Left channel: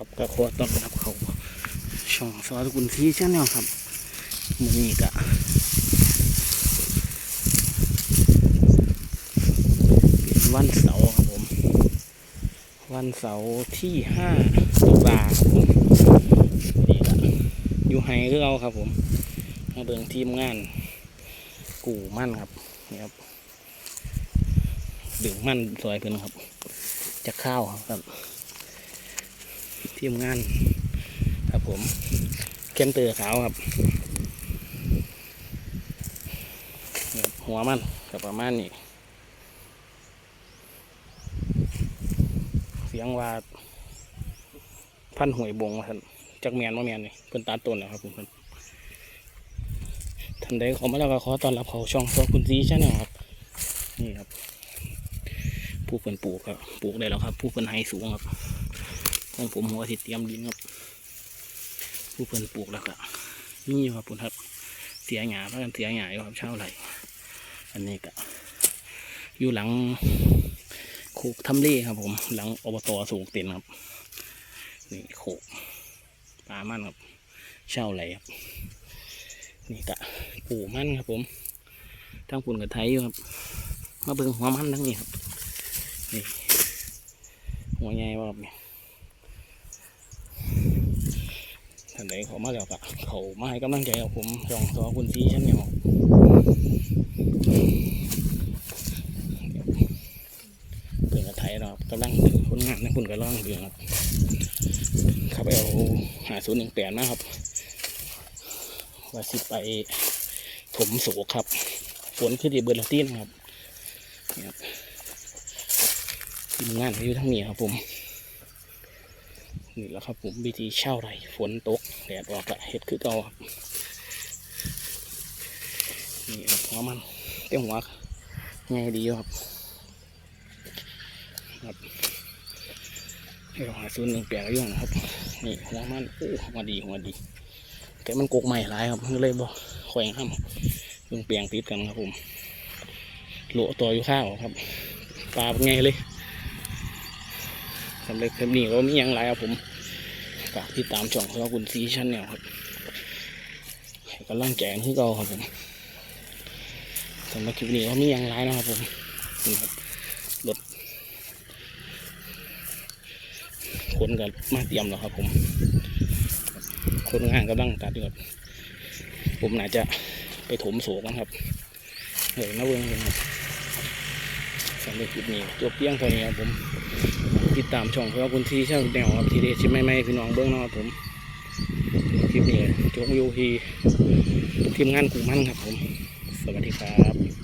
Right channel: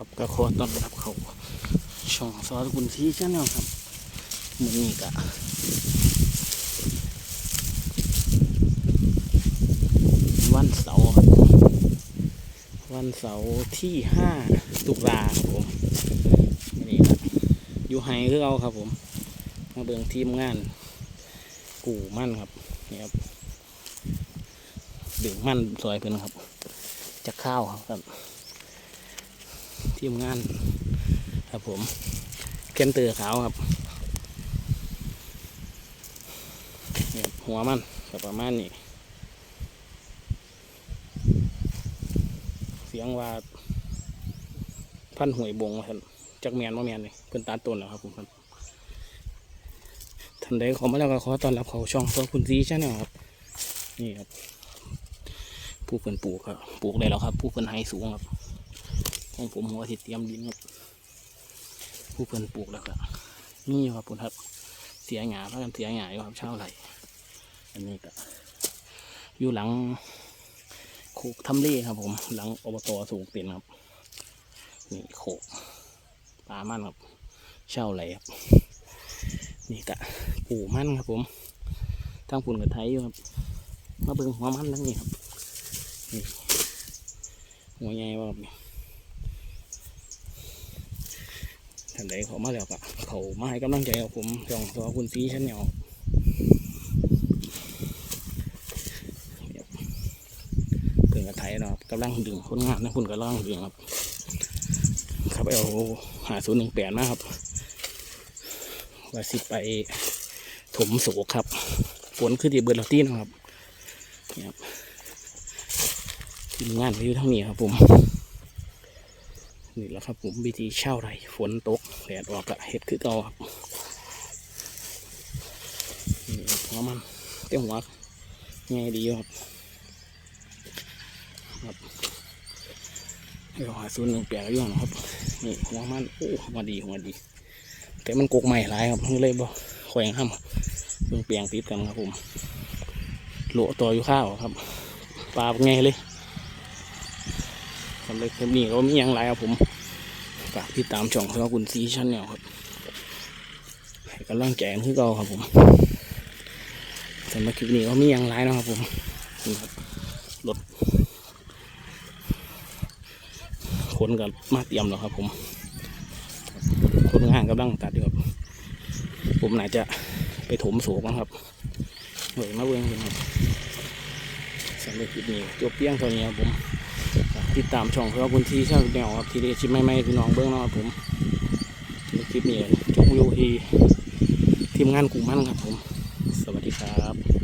ครับก็ขอต้อนรับเขาช่องซอสกุลที่ชาแนลครับมื้อนี้ก็เป็นวันเสาร์ครับวันเสาร์ที่ห้าตุลาครับผมนี่ก็อยู่ไฮคือเอาครับผมมาเบิ่งทีมงาน กู่มั่นครับนี่ครับดึงมั่นซอยเพิ่นครับจะข้าวครับ ทีมงาน ครับผมเคนเตอร์ขาวครับนี่ครับ หัวมันกับประมาณนี้ เสียงว่าพันหวยบงครับจักแมนมาแมนนี่เพิ่นตัดต้นแล้วครับผมท่านใดเขอมาแล้วก็ขอต้อนรับเขาช่องตัวคุณซีชาแนลครับ นี่ครับ ผู้เพิ่นปลูกครับ ปลูกได้แล้วครับ ผู้เพิ่นไฮสูงครับ ของผมหัวที่เตรียมดินครับผู้เพิ่นปลูกแล้วก็มีอยู่ครับผมครับ เสียหยาพากันเสียหยาอยู่ครับเช่าไหลอันนี้ก็อยู่หลังโคกทำเลครับ ผม หลังอบตสูงเต็นครับนี่โคกปลามันครับเช่าไหลครับนี่ก็ปูมันครับ ผมทั้งปุ่นกับไทยอยู่ครับ มาเบิ่งหัวมันทั้งนี้ครับนี่หัวใหญ่ว่าครับนี่ ท่านใดเขามาแล้วก็เขามาให้กำลังใจผมช่องสอคุณซีชั้นเนี่ยเพื่อนกับไทยเนาะกำลังดึงคนงานนะคุณกำลังดึงครับ ครับเอาหาศูนย์หนึ่งแปดนะครับว่าสิไปถมโศกครับฝนคือที่เบิร์ลอตี้นะครับเนี่ยครับทีมงานเขาอยู่ทั้งนี้ครับผม นี่แหละครับผมวิธีเช่าไรฝนตกแดดออกละเห็ดคือเก่าครับนี่ครับหัวมันเต็มหัวง่ายดีครับครับให้เราหาส่วนหนึ่งแปลกอยู่นะครับนี่หัวมันโอ้หัวดีหัวดี แต่มันกกใหม่หลายครับเลยบ่คอยห้ามเพิ่งเปลี่ยงติดกันครับผมโหลตัวอยู่ข้าวครับปลาเป็นไงเลย สำเร็จคลิปนี้ก็มีอย่างไรครับผมฝากติดตามช่องสำหรับคุณซีชั้นแนวครับกำลังใจกันที่เก่าครับผมสำหรับคลิปนี้ก็มีอย่างไรนะครับผมนี่ครับรถขนกันมาเตรียมแล้วครับ ผม คนงานกำลังตัดอยู่ครับ ผมน่าจะไปถมโศกนะครับเหนื่อยมาเบิ่งกันครับสำหรับคลิปนี้จบเพียงเท่านี้ครับผม ติดตามช่องของคุณที่ช่างแนวครับทีเดสิไม่ไม่พี่น้องเบื้องนาะครับผมคลิปนี้ก็จบวิวทีทีมงานกลุ่มมั่นครับผม สวัสดีครับ